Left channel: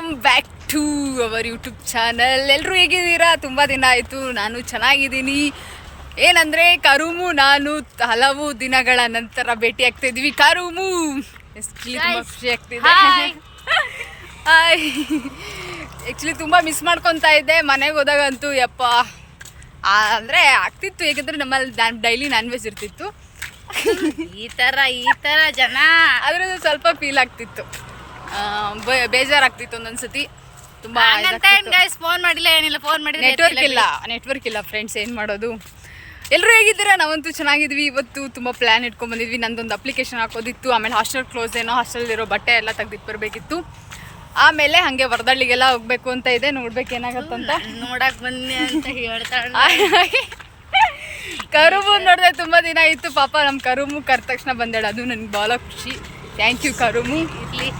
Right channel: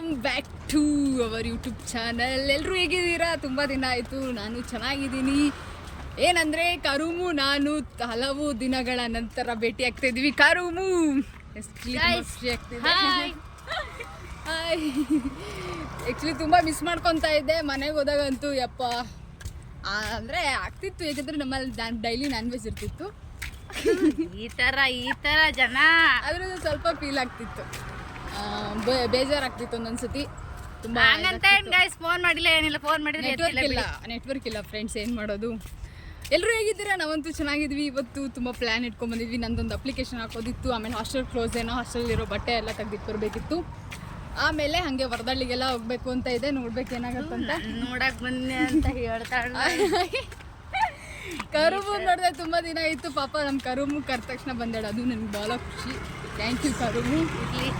Welcome back to our YouTube channel. ಎಲ್ಲರೂ ಹೇಗಿದ್ದೀರಾ? ತುಂಬ ದಿನ ಆಯಿತು. ನಾನು ಚೆನ್ನಾಗಿದ್ದೀನಿ. ಏನಂದರೆ ಕರುಮು ನಾನು ಹಲವು ದಿನಗಳ ನಂತರ ಭೇಟಿ ಆಗ್ತಾ ಇದ್ವಿ. ಕರುಮು ತುಂಬ ಖುಷಿ ಆಗ್ತಿದೆ. ಹಾಯ್. ಆ್ಯಕ್ಚುಲಿ ತುಂಬ ಮಿಸ್ ಮಾಡ್ಕೊತಾ ಇದ್ದೆ. ಮನೆಗೆ ಹೋದಾಗಂತೂ ಯಪ್ಪ ಅಂದರೆ ಆಗ್ತಿತ್ತು, ಏಕೆಂದರೆ ನಮ್ಮಲ್ಲಿ ಡೈಲಿ ನಾನ್ ವೆಜ್ ಇರ್ತಿತ್ತು. ಈ ಥರ ಜನ ಅದರಿಂದ ಸ್ವಲ್ಪ ಫೀಲ್ ಆಗ್ತಿತ್ತು, ಬೇಜಾರಾಗ್ತಿತ್ತು ಒಂದೊಂದ್ಸತಿ. ತುಂಬ ಫೋನ್ ಮಾಡಿಲ್ಲ, ಏನಿಲ್ಲ, ಫೋನ್ ಮಾಡಿ ನೆಟ್ವರ್ಕ್ ಇಲ್ಲ ಫ್ರೆಂಡ್ಸ್, ಏನು ಮಾಡೋದು. ಎಲ್ಲರೂ ಹೇಗಿದ್ದೀರಾ? ನಾವಂತೂ ಚೆನ್ನಾಗಿದ್ವಿ. ಇವತ್ತು ತುಂಬ ಪ್ಲ್ಯಾನ್ ಇಟ್ಕೊಂಡು ಬಂದಿದ್ವಿ. ನಂದೊಂದು ಅಪ್ಲಿಕೇಶನ್ ಹಾಕೋದಿತ್ತು, ಆಮೇಲೆ ಹಾಸ್ಟೆಲ್ ಕ್ಲೋಸ್ ಏನೋ, ಹಾಸ್ಟೆಲಿರೋ ಬಟ್ಟೆ ಎಲ್ಲ ತೆಗ್ದಿಟ್ಟು ಬರಬೇಕಿತ್ತು. ಆಮೇಲೆ ಹಾಗೆ ವರದಳ್ಳಿಗೆಲ್ಲ ಹೋಗ್ಬೇಕು ಅಂತ ಇದೆ. ನೋಡ್ಬೇಕು ಏನಾಗತ್ತಂತ. ನೋಡಕ್ ಬನ್ನಿ ಅಂತ ಹೇಳ್ತಾಳೆ. ಕರುಮು ನೋಡಿದ್ರೆ ತುಂಬ ದಿನ ಆಯಿತು. ಪಾಪ ನಮ್ಮ ಕರುಮು ಕರೆದ ತಕ್ಷಣ ಬಂದಾಳೆ, ಅದು ನನಗೆ ಭಾಳ ಖುಷಿ. ಥ್ಯಾಂಕ್ ಯು ಕರುಮು. ಇರ್ಲಿ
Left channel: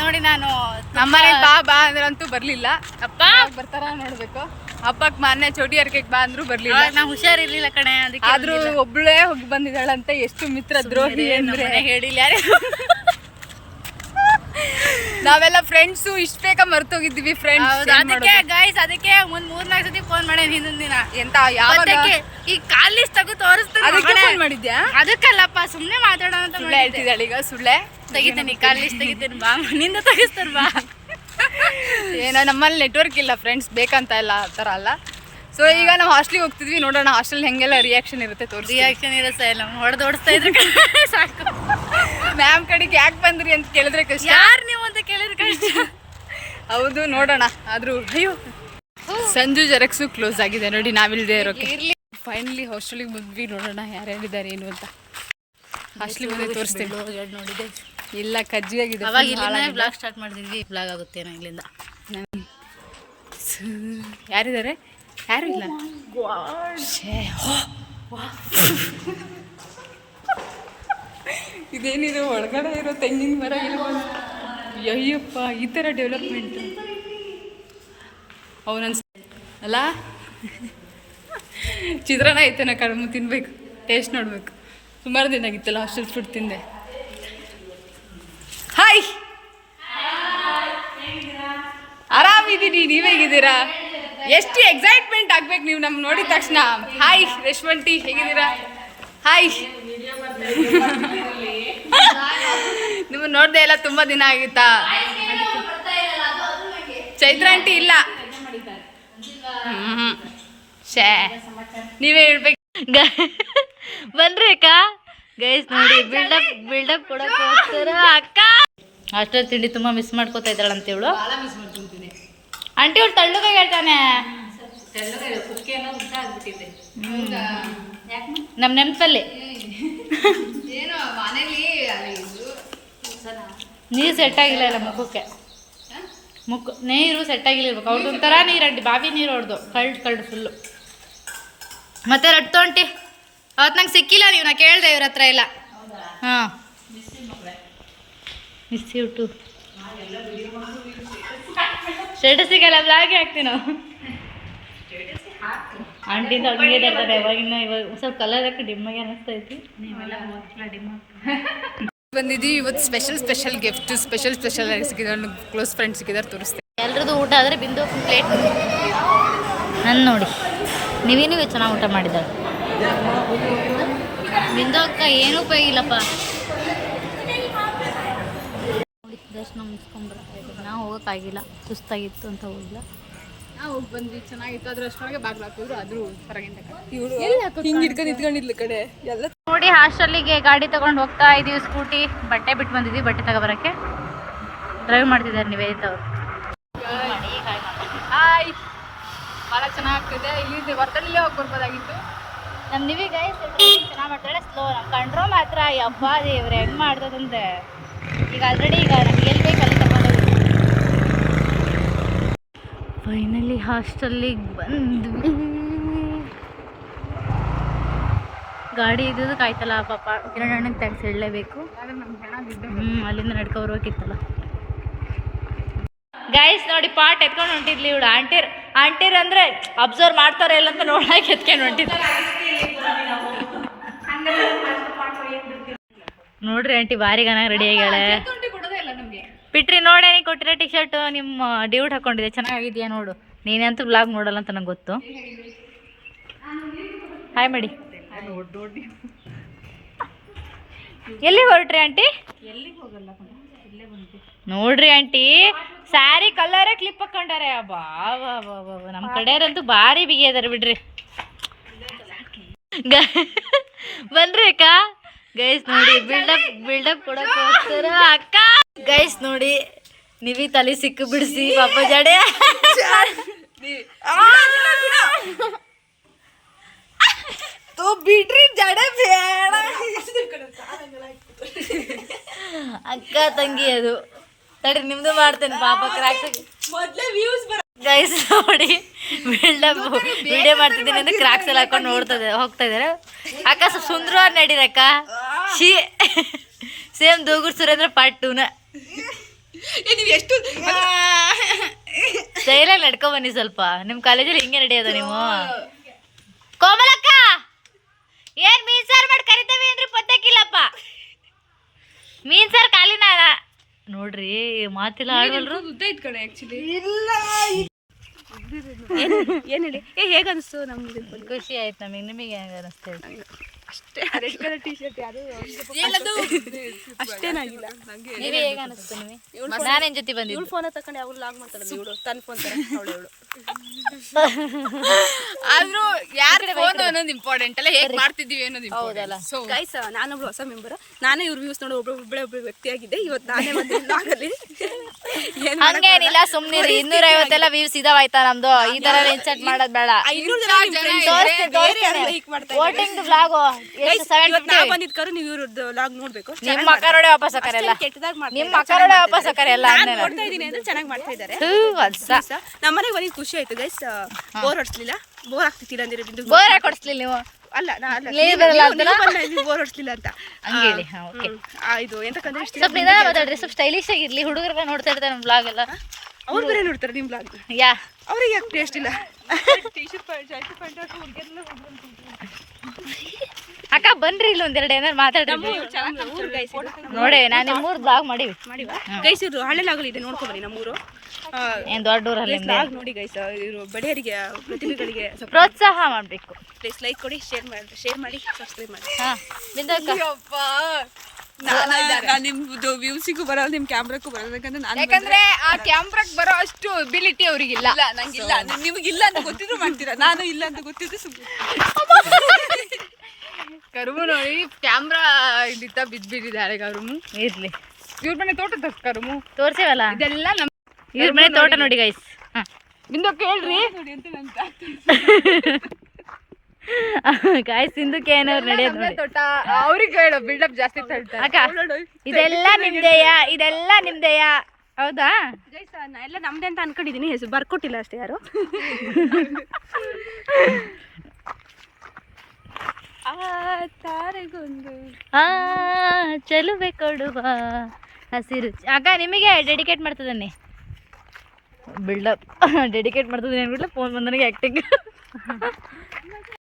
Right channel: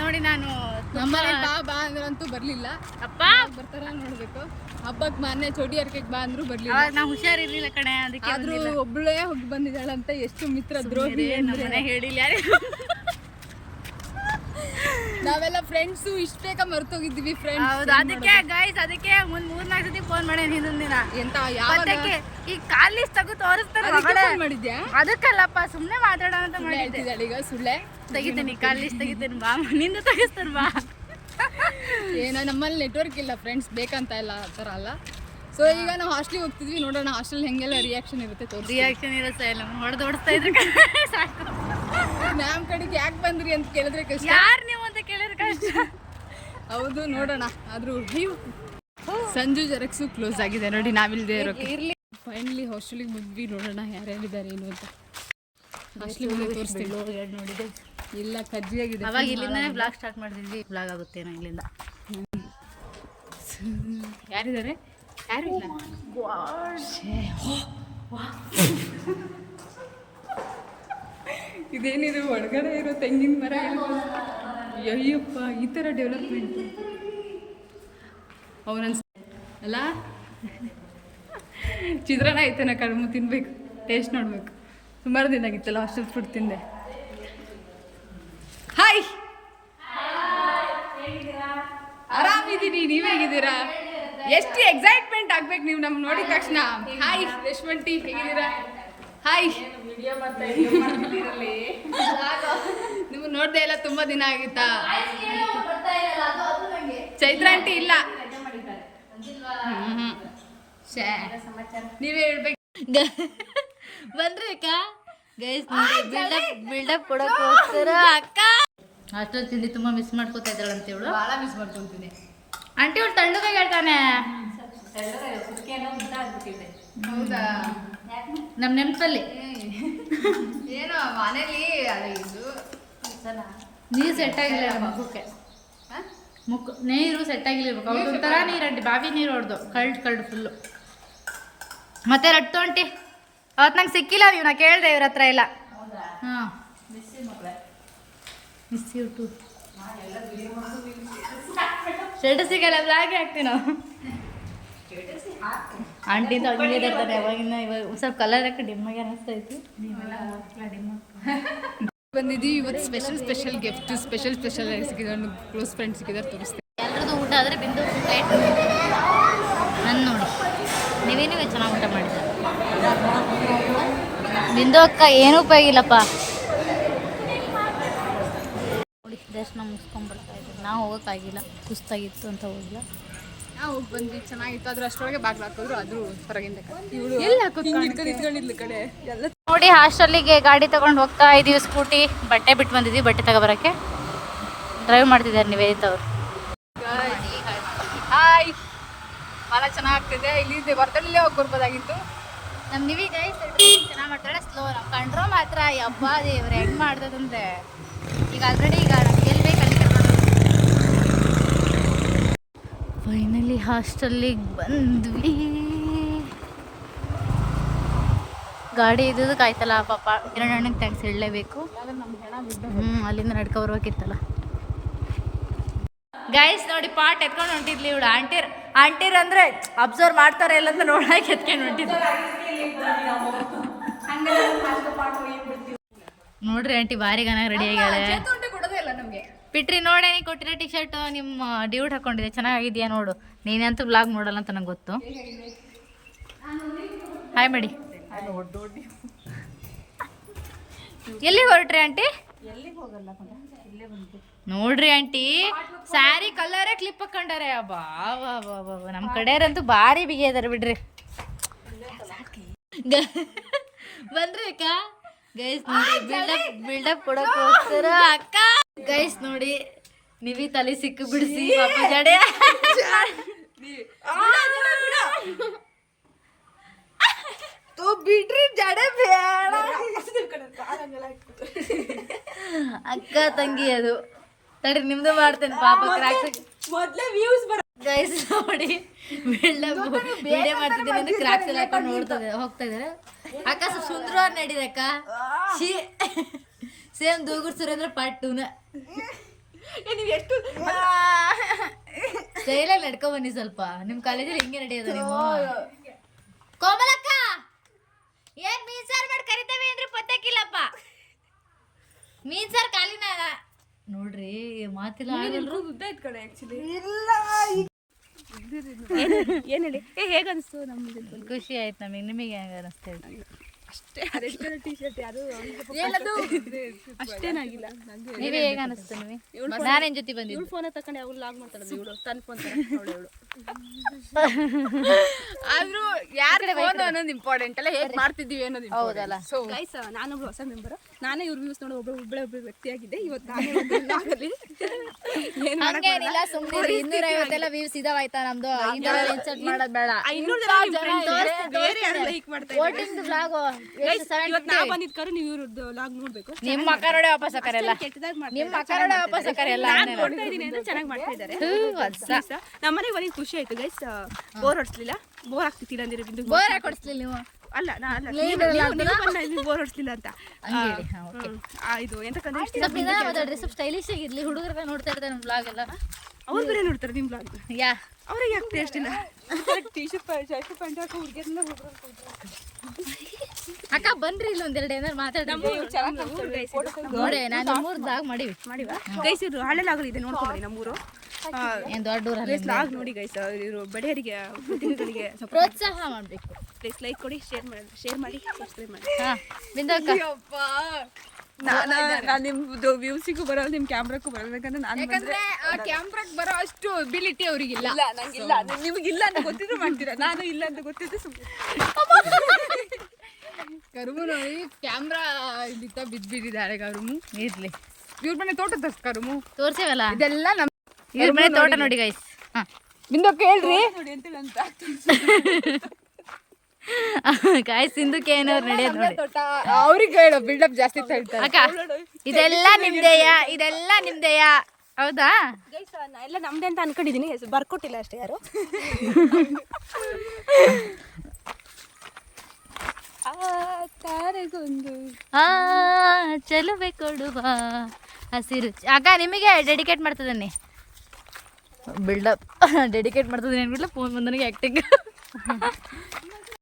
ನೋಡಿ, ನಾನು ನಮ್ಮನೆ ಬಾ ಅಂದ್ರಂತೂ ಬರಲಿಲ್ಲ. ಅಪ್ಪ ಬರ್ತಾರ ನೋಡ್ಬೇಕು. ಹಬ್ಬಕ್ಕೆ ಮೊನ್ನೆ ಚೋಟಿ ಅರ್ಕೆಗೆ ಬಾ ಅಂದ್ರು ಬರಲಿಲ್ಲ. ನಾವು ಹುಷಾರಿರ್ಲಿಲ್ಲ ಕಣೆ, ಅದಕ್ಕೆ. ಆದ್ರೂ ಒಬ್ಬಳೇ ಹೋಗಿ ಬಂದಿದ್ದಾಳಂತೆ. ಎಷ್ಟು ಮಿತ್ರ ದ್ರೋಹಿ ಅಂದ್ರೆ ಹೇಳಿಲ್ಲ ಯಾರು. ನಾವೆಲ್ಲ ಫ್ರೆಂಡ್ಸು ಇಷ್ಟ ಬೇಗ ಮರ್ತೋಗಿದ್ವಿ ಫ್ರೆಂಡ್ಸ್. ಅದಕ್ಕೆ ಗೈಸ್, ಅದಕ್ಕೆ ಒಂದ್ 3-4 ಸತಿ ಫೋನ್ ಮಾಡೇನಿ ಹಿಂದೊಂದ್ ದಿನ. ಎಂತ ಯಾವಾಗ ಈ ಕಾಲ್ ಲಿಸ್ಟ್ ತೆಗೆದು ತೋರಿಸ್ತಾನೆ. ಫೋನ್ ಮಾಡಿದ್ಯಾ? ಅದಕ್ಕಲ್ಲಪ್ಪ, ಸುಮ್ನೆ ಮಾತಾಡೋಣ ಅಂತ ಹೇಳ್ತಿದ್ದಾಳೆ. ಈಗ ಸುಳ್ಳೆ ತೆಗಿತೀನಿ, ಕಾಲ್ ಲಿಸ್ಟ್ ತೆಗಿತೀನಿ ಬಾ, ನಿಂದ ತೆಗಿಸ್ತಾರ ಬಾ. ಏನೋ ನಮ್ಮಲ್ಲಿ ನೆಟ್ವರ್ಕ್ ಇಲ್ಲ ಫ್ರೆಂಡ್ಸ್, ಬೇಕಂತ ಇಲ್ಲ ಆ ಥರ ಅಲ್ಲ. ಸೊ ಈಗ ನಾವು ಹಾಸ್ಟೆಲಿಗೆ ಹೋಗ್ತಿದ್ವಿ. ನೋಡೋಣ ಹಾಸ್ಟೆಲ್ ಹೆಂಗೆಲ್ಲ ರಿಯಾಕ್ಷನ್ ಇರುತ್ತೆ ತೋರಿಸಿ. ರಿಯಾಕ್ಷನ್ ಇರುತ್ತೆ ಇಲ್ಲ, ಹೊಡೆದು ಓಡಿಸ್ತಾ ಇದ್ರೆ ಸಾಕು. ಮ್ಯಾಮ್ ಕಡೆಗೆ ಯಾಕೆ ಬಂದ್ರಿ ಅಂತ ಕೇಳಿದ್ರೆ ಕಷ್ಟ. ಯಾರು ನೀವು ಅಂತ ಕೇಳಿದ್ರೆ ಕಷ್ಟ. ಹೌದು, ನೋಡೋಣ. ಆದರೂ ಅಯ್ಯೋ, ಸಂಜು ಜೆರಾಕ್ಸು ಕ್ಲೋಸ್ ಆಗಿದೆ ನೋಡಿ, ನಾವಿಲ್ಲದೆ ಇರೋಕೆ. ಫೈನಲಿ ಹಾಸ್ಟೆಲಿಗೆ ಬಂದ್ವಿ. ನೋಡೋಣ ಯಾರ್ಯಾರಿದ್ದಾರೆ ಏನು ಅಂತ. ಹಾಸ್ಟೆಲಿಗೆ ಬಂದು ತೋರಿಸ್ತೀವಿ. ನೋಡಿದೆ ಇಲ್ಲ, ಕಜ್ಜಿಯಾಗಿದೆ. ಅವಾಗ ಇಲ್ಲಿಂದ ಬ್ಲಾಗ್ ಸ್ಟಾರ್ಟ್ ಮಾಡಿದ್ವಿ. ಬ್ಲಾಗ್ ಆಗುತ್ತೆ ನಾ ಇಲ್ಲಿಂದ. ಯಾರಿದ್ದಾರೆ? ಯಾರು ಇಲ್ಲ. ಇದೇನಿದು ಒಳಗಡೆ ಇರೋ ತೆಂಗಿನ ಮರ ಇಲ್ಲ. ಅಯ್ಯಪ್ಪ, ಈ ಥರ ಡೆವಲಪ್ಮೆಂಟು ಅವನನ್ಸ್ ಅಲ್ಲ. ಚಿತ್ರಾನ್ನ ಐತೆನ ಕಡಿಮೆ ತಿನ್ಬೇಕು, ಟೇಸ್ಟ್ ನೋಡ್ಬೇಕು. ಸುಮಾರು ದಿನ ಆಗಿತ್ತಲ್ಲ ಹಾಸ್ಟೆಲ್ ಫುಡ್ ತಿಂದೆ. ಹಾಯ್, ಆರಾಮಿದ್ದೀನಿ. ನೀವು ಹೇಗಿದ್ದೀರಾ? ಎಷ್ಟು ಎಕ್ಸೈಟ್ಮೆಂಟ್ ಆಗ್ಬೇಕು ನೀವು ನಮ್ಮ ನೋಡಿದ ತಕ್ಷಣ. ಹಾಯ್ ರೇಷ್ಮಂಟಿ, ಹೇಗಿದ್ದೀರಾ? ಹಾಯ್. ನಿಮ್ಮ ನೋಡ್ದೆ ಎಲ್ಲ ತುಂಬ ದಿನ ಆಗಿತ್ತಾ? ಚೈತ್ರ ಆಂಟಿ ಇಲ್ಲ. ಶೇ, ನೀವೇ ಹೇಳ್ಬೇಕು. ಬನ್ರಿ ಅಕ್ಕ. ಗೈಸ್ ನೋಡಿ, ಬಿಲ್ಡಪ್ ಕೊಡೋಕ್ಕೋಸ್ಕರ ಅಕ್ಕ ಹಾಸ್ಟೆಲ್ ತಿಂಡಿ ತುಂಬ ಮಿಸ್ ಮಾಡ್ಕೋತಾ ಇದ್ದಾಳೆ ಅಂತ ಇವಳು. ಭಾಳ ಮಿಸ್ ಮಾಡ್ಕೊತೀನಿ ಆಂಟಿ. ಇವಳು ತಳ್ಳುಗಾಗಿ ಹೇಳ್ತಾನೆ. ನಮ್ಮ ನೆನಪಲ್ಲಿ ಏನೋ ಮನೇಲಿ ನೀರು ಸೆಟ್ ಆಗಿಲ್ಲ ಇಲ್ಲ ಮುಖಕ್ಕೆ. ನೀರು ಸೆಟ್ ಆಗಿಲ್ಲ. ಅವ್ರದ್ದು ಒಂಥರ ನೀರು ಅಂಟಿ, ಬಾವಿ ನೀರು ಹೊಡೆದು ಕಳ್ಡು ಫುಲ್ಲು. ಮತ್ತೆ ರಟ್ಟು ಆಂಟಿ, ಅವತ್ತು ನಂಗೆ ಸಿಕ್ಕಿಲ್ಲ ನೀವು, ನಾ ಕೇಳಿದೆ ಇವ್ರ ಹತ್ರ ಎಲ್ಲ. ಹಾಂ, ಮಿಸ್ ಯು ಟು. ಸ್ಟೇಟಸ್ ಸಿಗಲ್ಲ, ಬ್ಲಾಗೆ ಹಾಕ್ತೀವಿ ನಾವು. ಆಂಟಿ ಅಂತ ಹಂಗೆ ಇರ್ತಾರೆ ಯಾವಾಗಿನ. ಇವಾಗ ಸ್ವಲ್ಪ ಕಲರ್ ಹಾಕಿ ಡಿಮ್ಮಾಗಿ ಅನ್ನಿಸ್ತೈತಿ. ನೀವೆಲ್ಲ ಡಿಮ್ ಬಂದಿದ್ದೀವಿ. ಇವತ್ತು ಸ್ಪೆಷಲ್ ಗಿಫ್ಟ್, ಸ್ಪೆಷಲ್ ಸಿಕ್ಕಿದ್ದಾರೆ, ಕ್ಲೋಸ್ ಫ್ರೆಂಡ್ಸ್ ಸಿಕ್ಕಿದ್ದಾರೆ, ತೋರಿಸ್ತೀನಿ. ಎಲ್ರದ್ದು ಊಟ ಆದರೆ ಬಿಂದು ಪ್ಲೇಟ್ ನಾನು ನೋಡಿ. ನೀವೇನಿಗೆ ಚೆನ್ನಾಗಿ ಊಟ ಮಾಡಿದ್ದಾರೆ. ಬಿಂದು ಅಕ್ಕ ಏನೂ ಉಪಯೋಗಿಲ್ಲಪ್ಪ ನೋಡಿ. ದರ್ಶನ ಮುಗಿಸ್ಕೊಂಡ್ಬರ್ತಾ ಇದ್ದೀವಿ. ನಾವು ಹೋಗೋಕ್ಕಾಗಿಲ್ಲ, ಸುಸ್ತಾಗಿತ್ತು ಅಂತ ಹೋಗಿಲ್ಲ. ನಾವು ಹೋಗಿ ಬಂದ್ವಿ, ಚೆನ್ನಾಗಿತ್ತು. ಅದ್ರ ಅಷ್ಟೊಳಗೆ ಬಾಗ್ಲು ಹಾಕಿದ್ರು, ಅದು ಹೊರಗಿಂದ ಇಟ್ಕೊಂಡಿದ್ಲು ಕಡೆ ಎಲ್ಲ ನೋಡಿ. ಹಾಸ್ಟೆಲ್ಲಿಗೆ ಗಾಡಿ ತೊಗೊಂಡು ಹೋಗ್ತಾ ಇದ್ದೀವಿ. ಸ್ಕೂಟಿ ಬಟ್ಟೆ ಬಿಟ್ಟು ಬಂದಿದ್ದೀವಿ, ಬಟ್ಟೆ ತಗೊಬರೋಕ್ಕೆ. ಡ್ರೈವ್ ಮಾಡ್ತಿದ್ದಾರೆ ನಿವೇದಿತ ಅವರು. ಹಾಯ್, ಭಾಳ ಚೆನ್ನಾಗ್ತಿದೆ. ಇಲ್ಲಿ ವರದಳ್ಳಿಲೇ ಹೋಗಿ ಬರ್ಬೋದಾಗಿತ್ತು. ನಮ್ಮ ನಿವಿ ಗೈಸ್ ಚೆನ್ನಾಗಿ ಮಾಡ್ತಾಳೆ. ಸ್ಲೋ. ನಮ್ಮ ಕಂಡ್ರೋಲ್ ಮಾತ್ರ ಹಬ್ಬ ದೇವ್ರೆ ಹೆಂಗೆ ಮಾಡ್ತದಂದ್ರೆ. ಈಗ ಆಲ್ರೆಡಿ ಈಗ ನಮ್ಗೆ ಎಲ್ಲಿ ಬೇಕು ಅಲ್ಲಿ ಕರ್ಕೊಂಡು ಫೈನಲಿ ಹಾಸ್ಟೆಲ್ಲಿಗೆ ಬಂದ್ವಿ. ಗಾಡಿ ಇದ್ದುದು ಕಾಯ್ತಲ್ಲ ಪಾಪ. ಕಿರಣಣ್ಣಗೆ ಥ್ಯಾಂಕ್ಸ್ ಹೇಳಲೇಬೇಕು. ಅಲ್ಲಿಂದ ನಡ್ಕೊ ಬರ್ಬೇಕಿತ್ತಲ್ಲ. ಗೈಸ್ ನೋಡಿ, ಪಾಟ್ ಎತ್ಕೊಂಡು ಹೊಂಟಿದ್ಲಿ ಇವಳು. ಆಂಟಿರ್ ಅಂದರೆ ಅಬ್ಸರ್ವ್ ಮಾಡ್ತಾರೆ ಇಲ್ಲ ಅಂತ ನೋಡಕ್ಕೆ ಎತ್ಕೊಂಡು ಹೊಂಟಿದ್ಲು. ನೋಡ್ರಿ ಆಂಟಿ ಭಾರಿ ಗನ ರೆಡಿ ಆಗ್ಯಾಳೆ. ಕೊಡೋದೇ ಇಲ್ಲ ನಮಗೆ. ಬಿಟ್ರಿ ನೋಡೇ ಕೊಟ್ಟಿರೋ ಟಿ ಶರ್ಟ್ ನಿಮ್ಮ ಡ್ಯೂಟ್ ಹಾಕೊಂಡಿದೆ ಚೆನ್ನಾಗಿದೆಯಾ ನೋಡು. ನೀನಂತೂ ಬ್ಲಾಗ್ ನೋಡಲ್ಲ ಅಂತ ನಂಗೆ ಗೊತ್ತು. ಹಾಯ್ ಮಾಡಿ. ಎಲ್ಲಿಗೆ ಹೊರಟ್ರಿ ಆಂಟಿ? ನೋಡ್ರಿ ಆಂಟಿ ಸ್ಯಾರಿ ಕಲರೇ ಕ್ಲಿಪ್ ಹಾಕೊಂಡಾರೆ. ಬಾ ಬಾ ಬಾ ಬಾ ನಮ್ಮ ಕಡೆಯವ್ರಂತೂ ಭಾರಿ ಬಿಗಿಯದಾರೆ ಬಿಡ್ರಿ. ಬನ್ರಿ ಅಕ್ಕ. ಗೈಸ್ ನೋಡಿ ಬಿಲ್ಡಪ್ ಕೊಡಕ್ಕೆ ಹೋಗ್ತಾರ ಅಕ್ಕ. ಗೈಸ್ ನೋಡಿ ನೀವಿ ತಲೆ ಸಿಕ್ಕು ಬಿಡಿಸಿ ಪಾಪ ಜಡೆ ಬಿಡ್ರಿ ಜಡೆ ಬೇಡ. ಅಕ್ಕ ತಂಗಿ ಅದು ತಡಿ ನಿಮ್ದೇ ಮಾಡ್ತೇನೆ ಪಾಪ. ಗೈಸ್ ನೋಡಿ ಬಿಲ್ಡಪ್ ವಿಡಿಯೋ ಮಾಡ್ತಿದ್ದೀನಿ ಅಂದ್ರೆ ಕ್ರಾಕ್ಸ್ ಎಲ್ಲ ಹಾಕೊಂಡು ಹೋಗ್ತಾ ಇದಾರೆ. ಅಕ್ಕ ಸುಂದರವಾಗಿ ನಡೀರಕ್ಕ. ಶಿ ಸೇಮ್ ದೂಗುರ್ ಸುರೇಂದ್ರ ಪಾರ್ಟ್ 2ನ ಸ್ಟೈಲಾಗಿ ನಡ್ಕೊಂಡ್ ಬನ್ನಿ ಸ್ವಲ್ಪ. ನಿಮ್ಮ ಕಾಲೇಜಲ್ಲಿ ಹಿಂಗೆ ನಡೆಯೋದು ನೀವು. ಕೋಮಲಕ್ಕ ಏನ್ ಮೀನ್ ಸಾರು ಮಾಡಿ ಕರಿತೇವೆ ಅಂದ್ರೆ ಪತ್ತಕ್ಕಿಲ್ಲಪ್ಪ. ಮೀನ್ ಸಾರು ಖಾಲಿನ ನೋಡ್ರಿ ಮಾತಿಲ್ಲ ಆಡಲ್ರು. ಏನ್ ಹೇಳಿ ಹೇಗ ಅನಿಸ್ತು? ನಮ್ಗೆ ಖುಷಿ ಆಯ್ತು ನಮಗೆ. ನಿಮಗೆ ಹೆಂಗ ಅನಿಸ್ತಾ? ಅಷ್ಟೇ ರೆಡ್ ಟೀ ಶರ್ಟ್ ಯಾರು ಅಷ್ಟೇ ಹೇಗ ಅನಿಸ್ತು ನಿಮಗೆ? ನಾನೇನ್ ಜೊತೆ ಬಂದಿದ್ದು ಫೋನ್ ತಕೊಂಡು ಯಾವಾಗ ಲಾಗ್ ಮಾಡ್ತಾಳೆ ಇವಳು ತನ್ನ ಫೋನ್ ಆದ್ರೂ ಯಾರ ಫೋನ್ ಅನ್ನೋದು ಇಂಪಾರ್ಟೆಂಟ್ ಅಲ್ಲ, ಹೇಗ್ ಮಾಡ್ತಿದೀವಿ ಅನ್ನೋದು ಇಂಪಾರ್ಟೆಂಟ್. ಸೊ ಗೈಸ್ ನಾನೊಬ್ಳು ಹೊಸ ಮೆಂಬರ್. ನಾನೇ ಇವ್ರ ವ್ಯೂಸ್ ನೋಡೋ ಒಬ್ಬಳೆ ವ್ಯಕ್ತಿಯಾಗಿದ್ದೆ. ಇವತ್ತು ನಾನೇ ಬಂದು ಲಾಗಲ್ಲಿ ಏನ್ ಹಂಗೇನಿಲ್ಲ ಸುಮ್ನೆ 250 ವ್ಯೂಸ್ ಇದಾವಾಯ್ತಾ ನಮ್ದು. ಈ ತರ ಇನ್ಸರ್ಟ್ ಮಾಡೋದ್ ಬೇಡ. 500 ಜನ ನಿಮ್ friends ಲೈಕ್ ಮಾಡ್ತಾ ಇದ್ದಾರೆ. ವೋಟಿಂಗ್ ವ್ಲಾಗ್ ಇವತ್ತು ನಾ ಬಂದಿದ್ಕರು ನೀವು ಇವ್ರದ್ದು ಲಾಗ್ ನೋಡ್ಬೇಕು. ನಿಮ್ಮ ಮಕ್ಕಳೋಡೆ ವಾಪಸ್ ಹಾಕರಲ್ಲ. ಕೆಟ್ಟದಾಗ ನಿಮ್ಮ ಮಕ್ಕಳೋಡೆ ವಾಪಸ್ ಹಾಕರಲ್ಲ. ನಾನು ನೋಡ್ತಾ ಇದೀನಿ ಅಂದ್ರೆ ಚೆನ್ನಾಗಿ ಮಾಡ್ತಾ ಇದ್ದಾರೆ. ನಮ್ಮನೆಗೆ ಬಂದಿದ್ದು ಖುಷಿ ಆಯ್ತು ಗೈಸ್. ಬೋರ್ ಹೊಡ್ಸ್ಲಿಲ್ಲ, ಬೋರ್ ಆಗ್ತಿಲ್ಲ ಅಂದ್ರೆ ಬಿಂದು ಬೋರ್ ಕೊಡ್ಸ್ಲಿಲ್ಲ ನೀವು. ಅಲ್ಲ ಬೋರ್ ಹೊಡ್ಸ್ಲಿಲ್ಲ ಅಂತ ಇದು ಎಂತಕ್ಕಂದ್ರೆ ಇಷ್ಟ ಸ್ವಲ್ಪ ಸ್ಟೈಲಿಶ್ ಆಗಿರ್ಲಿ. ಹುಡುಗರೆಲ್ಲ ನೋಡ್ತಾ ಇರ್ತಾರೆ ನಮ್ಮ ಬ್ಲಾಗ್ ಎಲ್ಲ. ಅವ್ರು ಬೇರೆ ನೋಡ್ತಾರೆ ನಿಮ್ ಬ್ಲಾಗ್. ಯಾ ಅವ್ರಿಗೆ ಯಾಕೆ ಟೇಸ್ಟ್ ಇಲ್ಲ? ಅಕ್ಕ ಬನ್ರಿ ಇಲ್ಲಿ ಒಂದೆರಡು ಏನಾರು ಮಾತಾಡ್ರಿ. ನೋಡಿ ನಾನು ನಿಮ್ಮೂರ್ ಬ್ಲಾಗ್ ಮಾಡಿವಿ ಗೈಸ್. ಇವ್ರು ಹಳ್ಳಿಲಾಗಲಿದೆ ನೋಡ್ಕೊಂಡ್ಬನ್ನಿ ನಮ್ಮೂರು. ಏನ್ ದೊಡ್ಡ ಊರಲ್ಲಿ ಬ್ಲಾಗ್ ನೋಡಿ ಗೈಸ್. ಇವರು ಬಡವರಿಗೆ ಪ್ರತಿಭೆಗಳಿಗೆ ಪ್ರೋತ್ಸಾಹ ಮಾಡ್ಬೇಕು. ಪ್ಲೀಸ್ ಲೈಕ್ ಕೊಡಿ, ಶೇರ್ ಮಾಡಿ ಸಬ್ಸ್ಕ್ರೈಬ್ ಮಾಡಿ. ನಿಮ್ದು ವ್ಯೂಸಿಗೂ ಬರಲ್ಲ, ನಿಮ್ ಕ್ಯಾಮ್ರಾಕ್ಕೂ ಬರಲ್ಲ. ಯಾಕಂದ್ರೆ ಆ ಕ್ಯಾಮ್ರಾಕ್ ಬರೋ ಅಷ್ಟು ಎಬಿಲಿಟಿ ಅವ್ರಿಗಿಲ್ಲ. ನಂಗಿಲ್ಲ. ನಿಮಗಿಲ್ಲ ಅಂತ ಗೊತ್ತಿದ್ರು ಮಾಡ್ತೀರಾ, ನಾನು ಇಲ್ಲ ಅಂತ ಗೊತ್ತಿದ್ದು ಸುಮ್ಮನೆ. ಕರುಮು ನೋಡಿ ಕ್ಯಾಮ್ರಾ ಇದಿತ್ತ ಬಿದ್ದಿದ್ದಾಳೆ. ಕರುಮು ಇರ್ಲಿ. ಇವ್ರ ಮನೆ ತೋಟ ಕರುಮು ತೋರ್ಸೇವಲ್ಲ ಇದೆಲ್ಲ ನಮ್ಮ ಇವ್ರ ಮನೆ ತೋಟ ನೋಡಿ ಗೈಸ್. ಬಿಂದು ಕೇಳ್ರಿ ಗಾಯ್ಸ್ ಸಿಂಧುಕ್ಕೆ ಏನವ್ರು ನಡೆಯೋದು ನೋಡಿ. ತೋಟ ಅವ್ರಿಗೆ ಹೇಳೋ ಬಿಲ್ಡಪ್ ಜಾಸ್ತಿ ತಳ್ತಾರೆ. ಅಕ್ಕ ಇದೆಲ್ಲ ನಿಮ್ದೆಯಾ? ಇದೆಲ್ಲ ನಿಮ್ದೆಯಾ? ಹೌದಾ ಗೈಸ್? ಎಲ್ಲ ನಮ್ದೆ ಅಂತ ಅನ್ಕೊಂಡಿದೀನಿ, ಬರ್ಕೊಟ್ಟಿಲ್ಲ ಅಷ್ಟೇ ಯಾರು. ಚೆಲುವೆ ಕೊಡುವ ಹಸಿರು. ಅಕ್ಕ ನಿಮಗೆ ಡೆಡಿಕೇಟ್ ಮಾಡ್ತದನ್ನಿ. ಬಿಲ್ಡಪ್ ಡೆಡಿಕೇಟ್ ಮಾಡ್ತದೆ ಏನ್ಬಿಡ್ಲ. Phone ಬಂದನಿಗೆ acting